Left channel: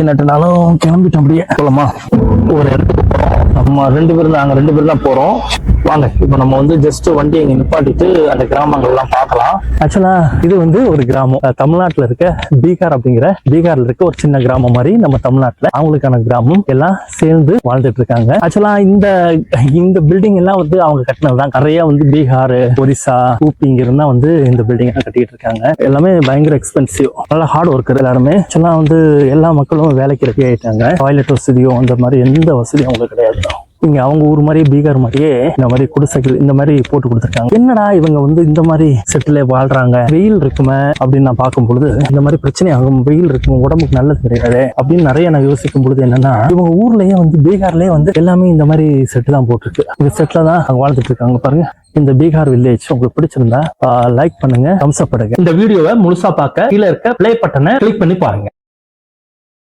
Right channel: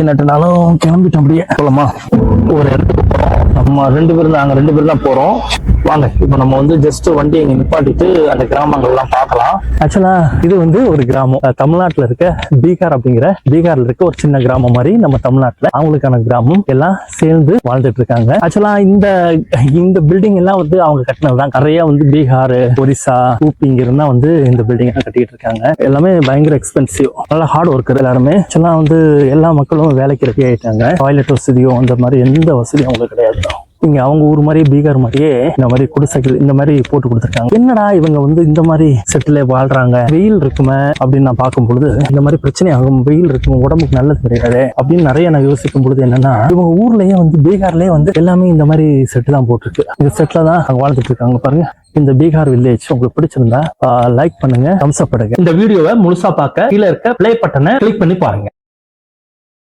நட்டுனாலும் கிளம்பிட்டோம் அப்படியே. போலாமா ஒரு இடத்துக்கு போறோம். நம்ம ரெண்டு பேரும் நாங்க ரெண்டு பேரும் தான் போறோம். வாங்க இப்போ நம்ம வந்து ஜஸ்ட் வண்டி இங்க நிப்பாட்டிட்டு அந்த கிராமங்கள்லாம் பார்க்கலாம். ஆக்சுவலா இது வந்து ஒரு கிராமம். தமிழ்நாட்டுல இருக்க பீகார் அப்படிங்கிற பீகார்ல இருக்க ஒரு சின்ன கிராமம் மாதிரி நம்ம தமிழ்நாட்டுல அவங்களுக்கான கிராமம் எல்லாம் சேர்ந்து வாழ்ந்துட்டு இருக்காங்க. ஆக்சுவலா இந்த இந்த பில்டிங் எல்லாம் வந்து அவங்க கட்டினதுதான் நிறைய வந்து பீகார் ஒரிசா ஊப்பி இங்க இருந்தா வந்து இந்த பில்டிங் கட்டிட்டு இருக்காங்க. எல்லாமே பயங்கர எக்ஸ்பென்சிவ் நல்லா ஹார்ட் ஒர்க்கர் எல்லாருமே. ஆக்சுவலா வந்து எல்லா மக்களும் வேலைக்கு ரெடி ஆயிட்டாங்க. டாய்லெட் வசதியும் அந்த மாதிரி எந்த வசதியும் அவங்களுக்கு கிடையாது. இங்க அவங்க ஊர் மாதிரி பீகார் மாதிரியே இந்த மாதிரி குடிசைகள் இந்த மாதிரி போட்டு கொடுத்துருக்காங்க. என்னடா இவங்க வந்து இந்த மாதிரி செட்டில் வாழ்றாங்க? வெயில் இருக்குமே அப்படின்னு நான் பார்க்கும் பொழுது இந்த மாதிரி பிரச்சனை ஆகும் வெயில் இருக்கும் உடம்புக்கு நல்லது கிடையாது அப்படின்னு நிறைய நான் யோசிக்கும் பொழுது என்னன்னா இவங்க ஊர்லயே வந்து பீகார்லயே வந்து எல்லாமே இந்த மாதிரி செட்டு தான் போட்டிருக்கு. இந்த செட்டில் தான் வாழ்ந்துட்டு இருக்காங்க பாருங்க. இந்த பீகார் வில்லேஜ் உங்களுக்கு பிடிச்சிருந்தா லைக் பண்ணுங்க தம்ஸ் பண்ணுங்க இந்த வீடியோவை முழுசா பார்க்க கீழே இருக்க பிளே பட்டனை கிளிக் பண்ணி பாருங்க.